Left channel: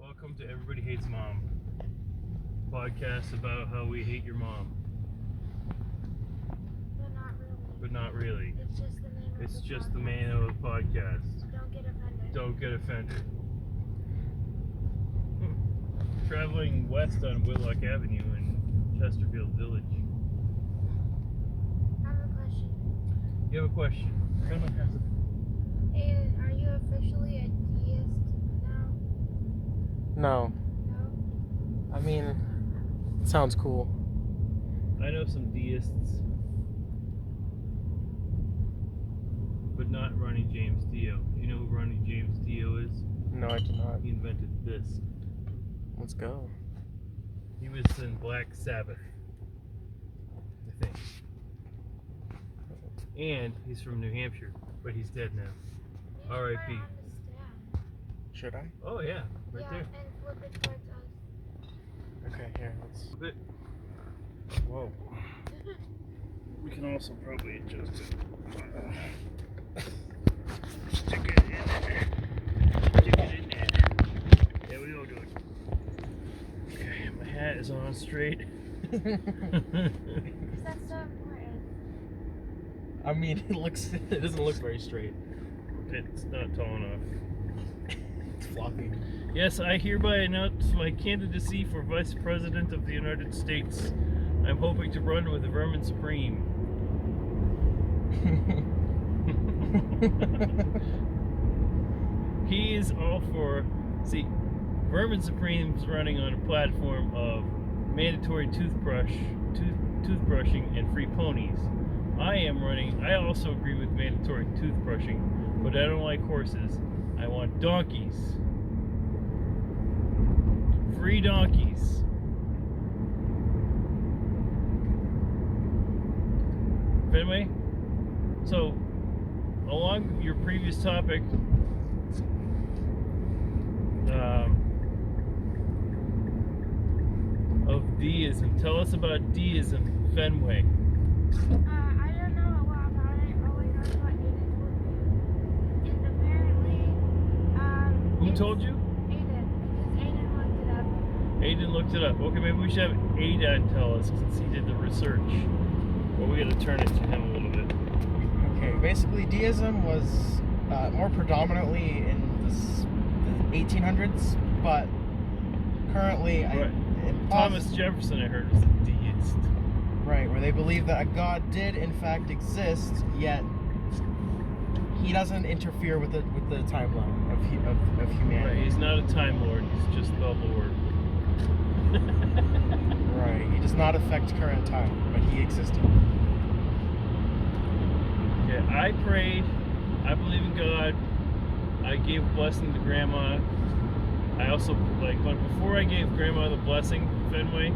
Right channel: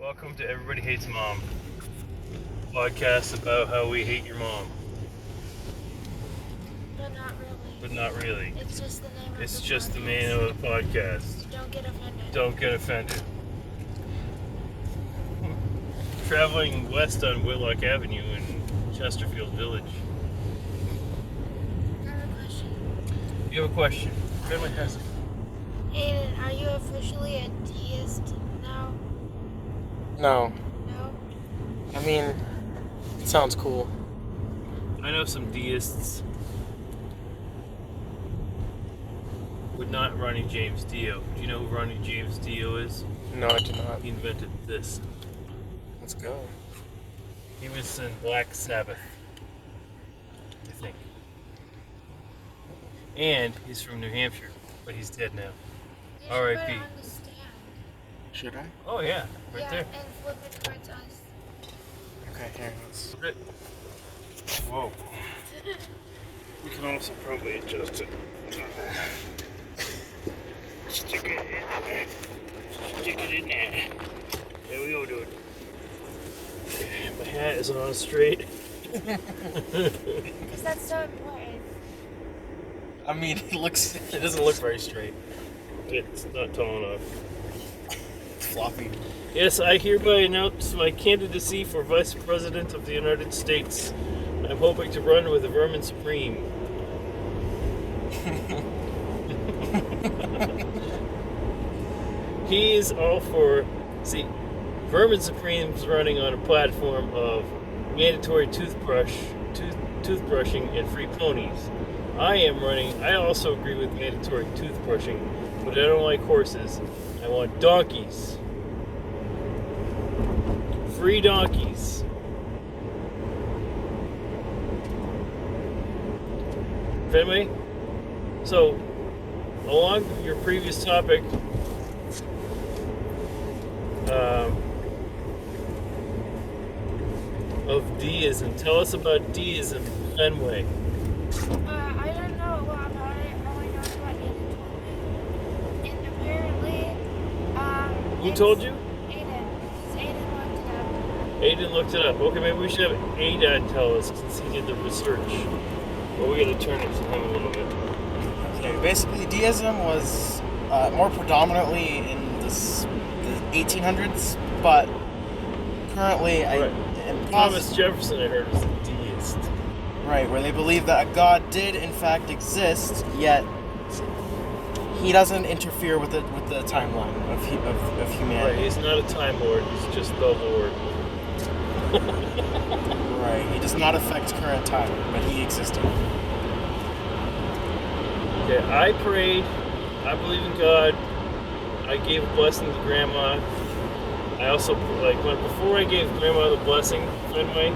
Welcome to Everybody Hates Mom, podcast about how we hate your mom. But not really. But not really. It's just the name of It's the just podcast. the name of the podcast. Don't get offended. Don't get offended. Traveling west on Whitlock Avenue in Chesterfield Village. I have a question. You have a question? Family has it. Aiden, are you officially a deist now? No. No? I mean, it sounds cool. I know some deists, but not Ronnie James Dio. Do you know who Ronnie James Dio is? No, I do not. He invented this. Let's go. He was in Black Sabbath, I think. And he's from New Hampshire, but he's dead now. You should R.I.P. put it on the stand. Should I? Oh yeah, right yeah, there. and flip it towards us. Okay, here, let's... Whoa. We can also probably adjust it. Stick it in there. Stick it in there. There we go, dude. My hat is on straight. Because that's so important. I mean, it doesn't look very straight. It's not tall enough. It's floppy. Yes, I hereby announce my candidacy for Vice President of the United States. I'm hoping to run with the Vermin Supreme. He is all for... See, Vermin Supreme's running on a platform of mandatory toothbrushing and free ponies. I also agree with mandatory toothbrushing, but I don't like horses. I want donkeys. Free donkeys. Fenway? So, along your previous topic, of deism, tell us about deism, Fenway. I don't know a lot about it. I only know what Aiden told me. And apparently, Who told you? Aiden. Because Aiden looked it up. Aiden looked it up. Okay, maybe we should have Aiden tell us since he did the research. But we gotta turn it to him a little bit. Okay, basically, deism was more predominantly in the 1800s, but currently, Right. Thomas Jefferson, I heard, was a deist. Right, where they believe that a god did in fact exist, yet he doesn't interfere with the timeline of Right, humanity. he's not a time lord, he's just the Lord. Right, he does not affect current time, but he existed. Okay, I prayed, I believe in God, I gave a blessing to Grandma. I also, before I gave Grandma the blessing, Fenway,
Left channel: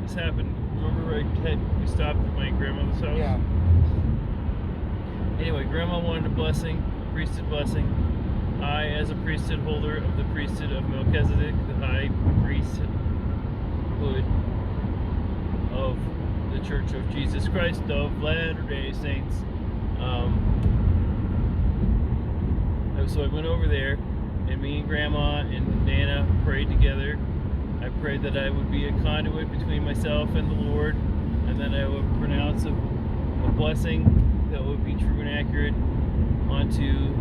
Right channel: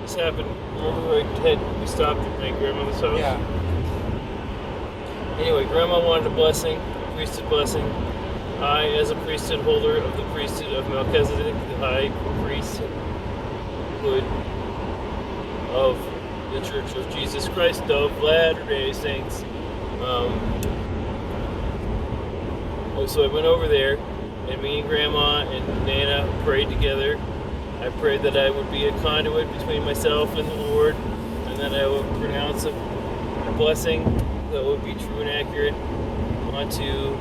this happened, remember we stopped at my grandmother's house? Yeah. Anyway, Grandma wanted a blessing, a priesthood blessing. I, as a priesthood holder of the priesthood of Melchizedek, the high priesthood of the Church of Jesus Christ of Latter-day Saints. So I went over there, and me and Grandma and Nana prayed together. I prayed that I would be a conduit between myself and the Lord, and that I would pronounce a blessing that would be true and accurate onto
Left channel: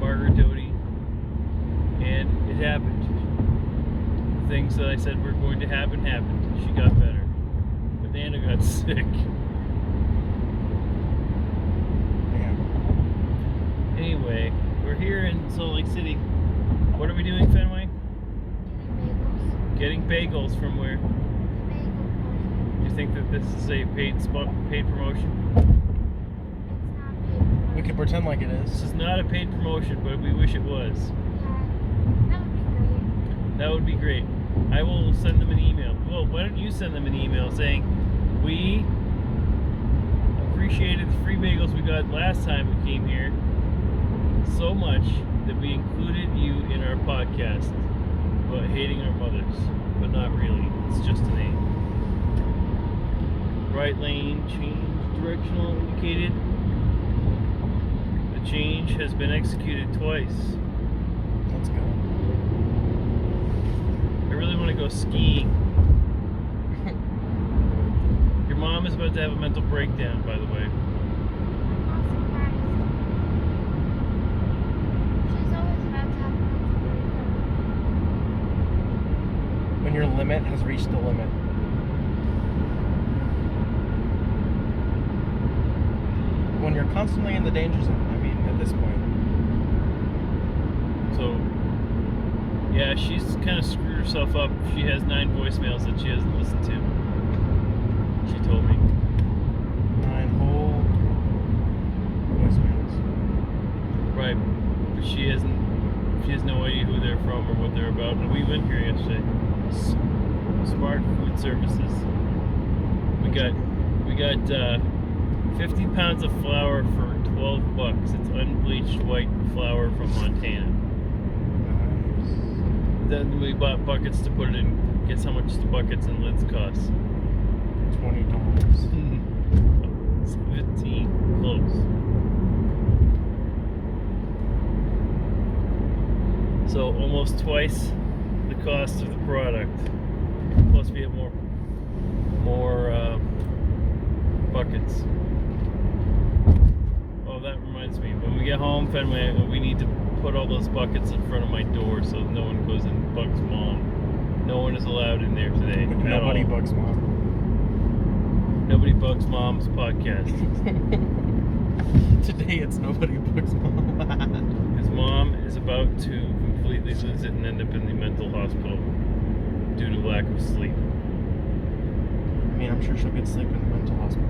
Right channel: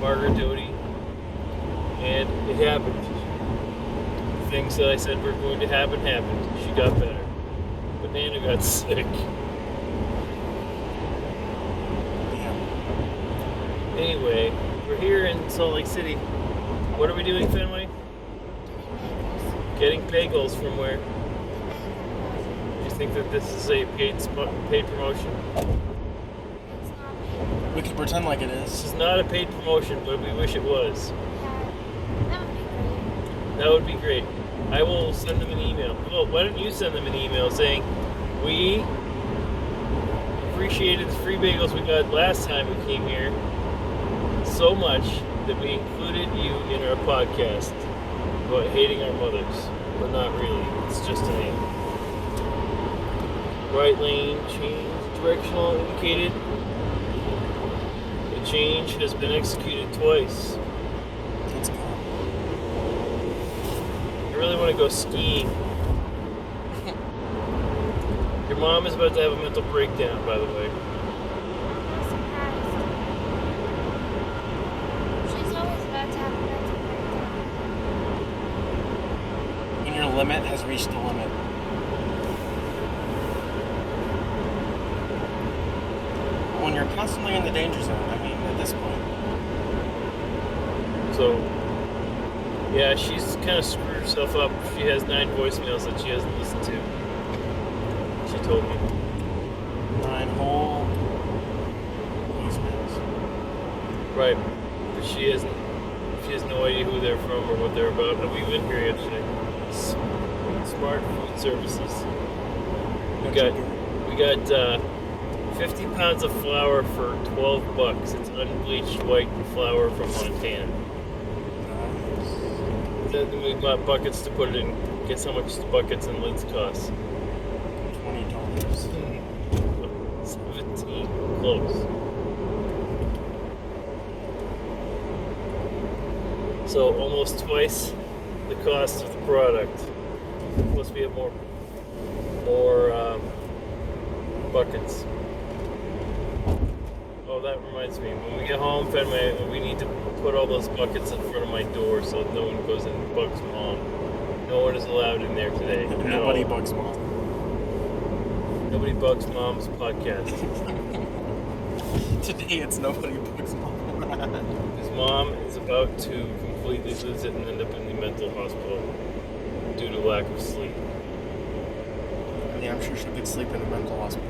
Margaret Doty. And it happened. The things that I said were going to happen happened. She got better. But Nana got sick. Yeah. Anyway, we're here in Salt Lake City. What are we doing, Fenway? Getting bagels from where? Do you think that this is a paid promotion? It's not paid. We could pretend like it This is. is not a paid promotion, but we wish it was. Yeah, that would be great. That would be great. I will send them an email. Well, why don't you send them an email saying, we appreciated the free bagels we got last time we came here so much that we included you in our podcast about hating our mothers, but not really. It's just a name. Right lane change, directional indicated. The change has been executed twice. Let's go. want to go skiing. Your mom is about to have a mental breakdown, by the way. I'm not surprised. She's always about to have a mental breakdown. When your limit has reached the limit. When you're constantly in the danger zone, I mean, at this point. So, yeah, she's kind of screwed herself up. She has 9 voicemails that she hasn't listened to. She told me. 9 whole voicemails. Right. But she has no idea who they're from or what they're about. And we've been here yesterday. Smart Food Services. We got 50 pounds of flour for $12. It's unbleached white flour from Montana. Then we bought buckets to put it in. Guess how much the buckets and lids cost? $20. 17. Close. So almost twice the cost of the product. Plus we have more buckets. Oh, that reminds me. When we get home, we need to put all those buckets in front of my door so no one goes and bugs Mom. No one is allowed in there today. Nobody bugs Mom. Nobody bugs Mom's podcast. Today it's nobody bugs Mom. His mom is about to completely lose it and end up in the mental hospital due to lack of sleep. I mean, I'm sure she'll get sleep in the mental hospital.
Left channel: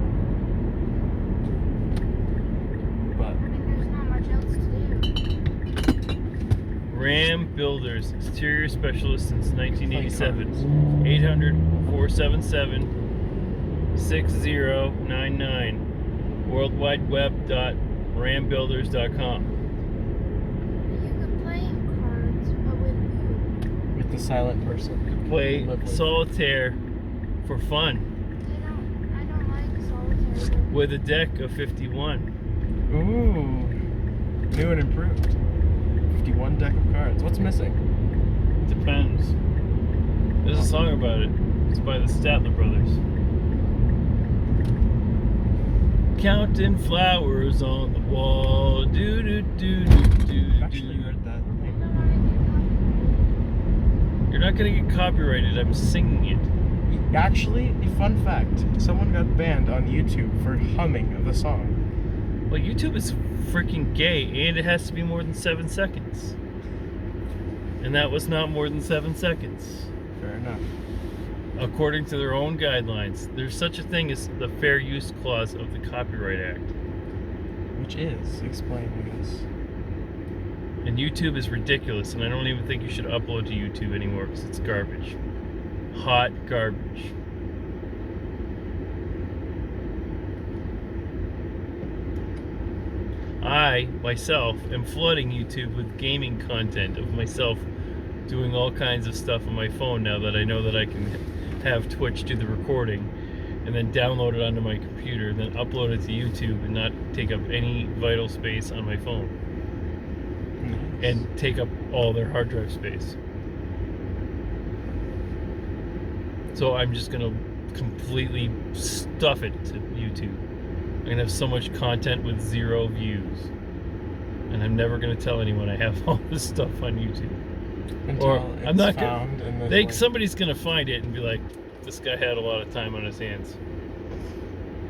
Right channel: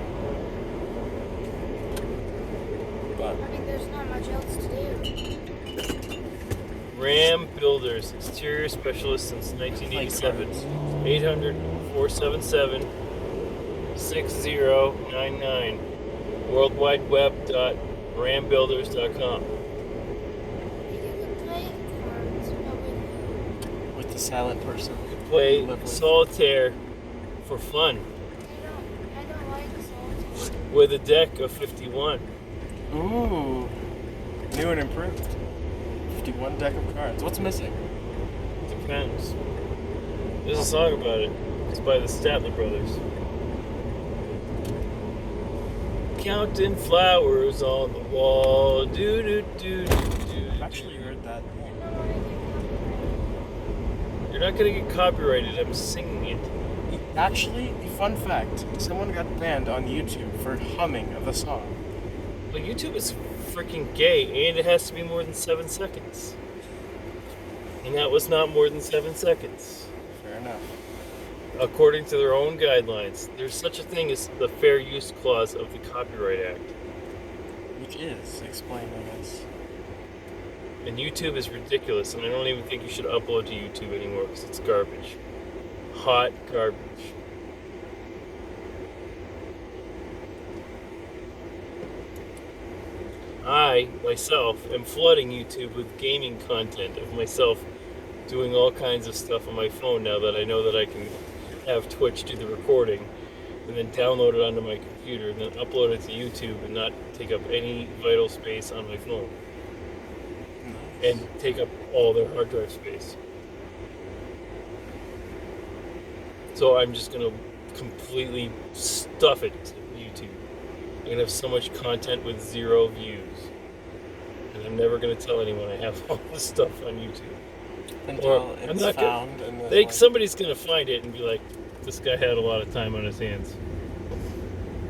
But I mean, there's not much else to do. Ram Builders, exterior specialist since 1987. Like 800-477-6099. worldwideweb.rambuilders.com. You can play cards, but with with the silent person. Play Lovely. solitaire for fun I don't like solitaire. with a deck of 51. Ooh. New and improved. 51 deck of cards. What's missing? Depends. There's a song about it. It's by the Statler Brothers. Counting flowers on the wall. Do do do do do. I've actually heard that. You're not gonna get copyrighted. I'm singing it. Actually, a fun fact. Someone got banned on YouTube for humming of the song. Well, YouTube is freaking gay, and it has to be more than 7 seconds. And that was not more than 7 seconds. Fair enough. According to their own guidelines, there's such a thing as the Fair Use Clause of the Copyright Act. Which is explaining this. And YouTube is ridiculous, and I don't even think you should upload to YouTube anymore because it's garbage. Hot garbage. I, myself, am flooding YouTube with gaming content of myself doing all kinds of stuff on my phone now that I know that I can have Twitch do the recording and then download it onto my computer and then upload it to YouTube and not take up any vital space on my phone and take up all their hard drive space. So I'm just gonna completely stuff it to YouTube. I'm gonna have so much content with 0 views. And I'm never gonna tell anyone I have all this stuff on YouTube. Until Or it's I'm not found gonna. and then, They like, somebody's gonna find it and be like, "This guy had a lot of time on his hands."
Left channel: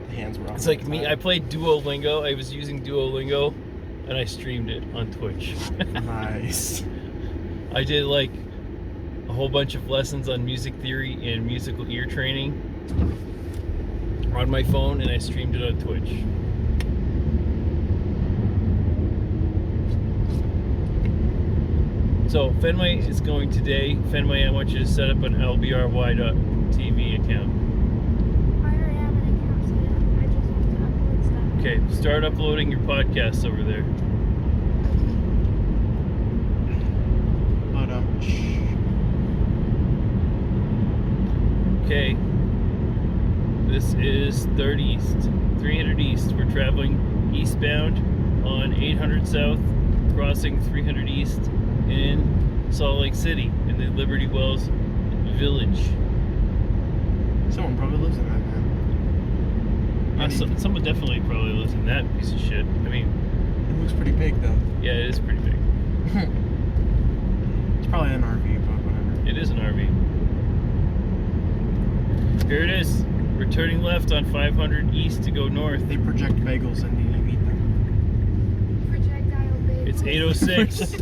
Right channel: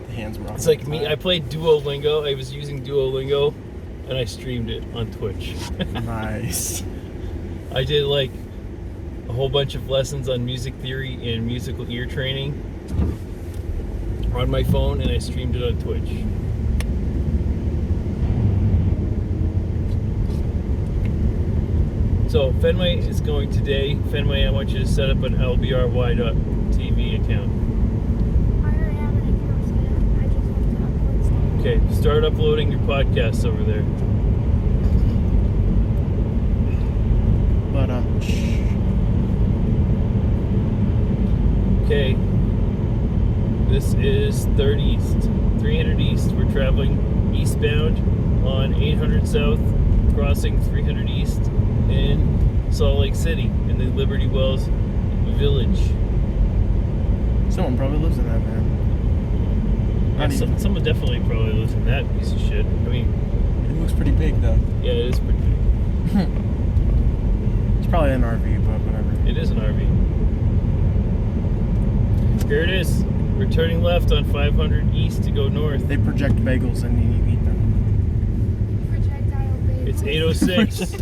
the hands were off It's the like me. time. I played Duolingo. I was using Duolingo, and I streamed it on Twitch. Nice. I did like a whole bunch of lessons on music theory and musical ear training on my phone, and I streamed it on Twitch. So Fenway is going today. Fenway, I want you to set up an LBRY.TV account. I already have an account set up. I just have to upload stuff. Okay, start uploading your podcasts over there. But Okay, this is 3rd East, 300 East. We're traveling eastbound on 800 South, crossing 300 East in Salt Lake City in the Liberty Wells village. Someone probably lives in that, man. Yeah, someone definitely probably lives in that piece of shit. I mean, It looks pretty big, though. yeah, it is pretty big. It's probably an RV, but whatever. It is an RV. Here it is. We're turning left on 500 east to go north. They project bagels and you eat them. Projectile bagel. It's 8:06.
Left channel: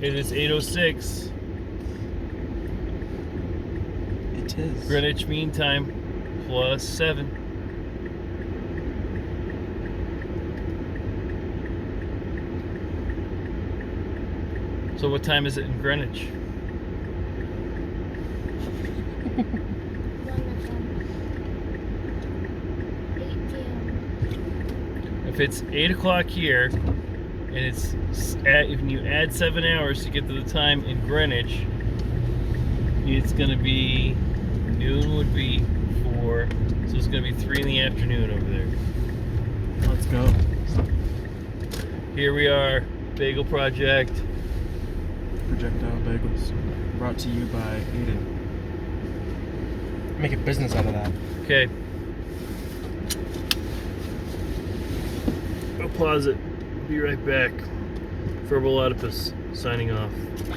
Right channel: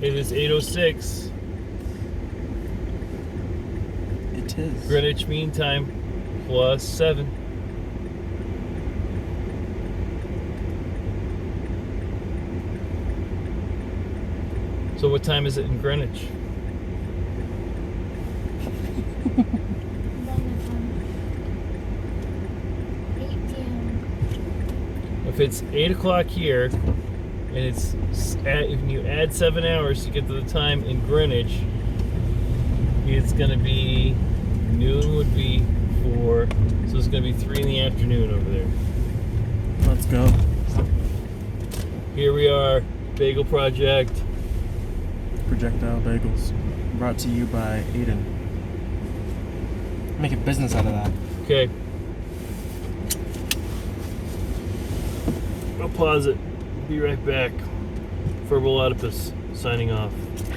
It is 8:06. It is. Greenwich Mean Time +7. So what time is it in Greenwich? If it's 8 o'clock here, and if you add 7 hours to get to the time in Greenwich, it's gonna be noon would be 4, so it's gonna be 3 in the afternoon over there. Let's go. Here we are, Bagel Project. Projectile bagels. Brought to you by Aiden. Make a business out of that. Okay. I'll pause it. Be right back. Verbal Oedipus signing off.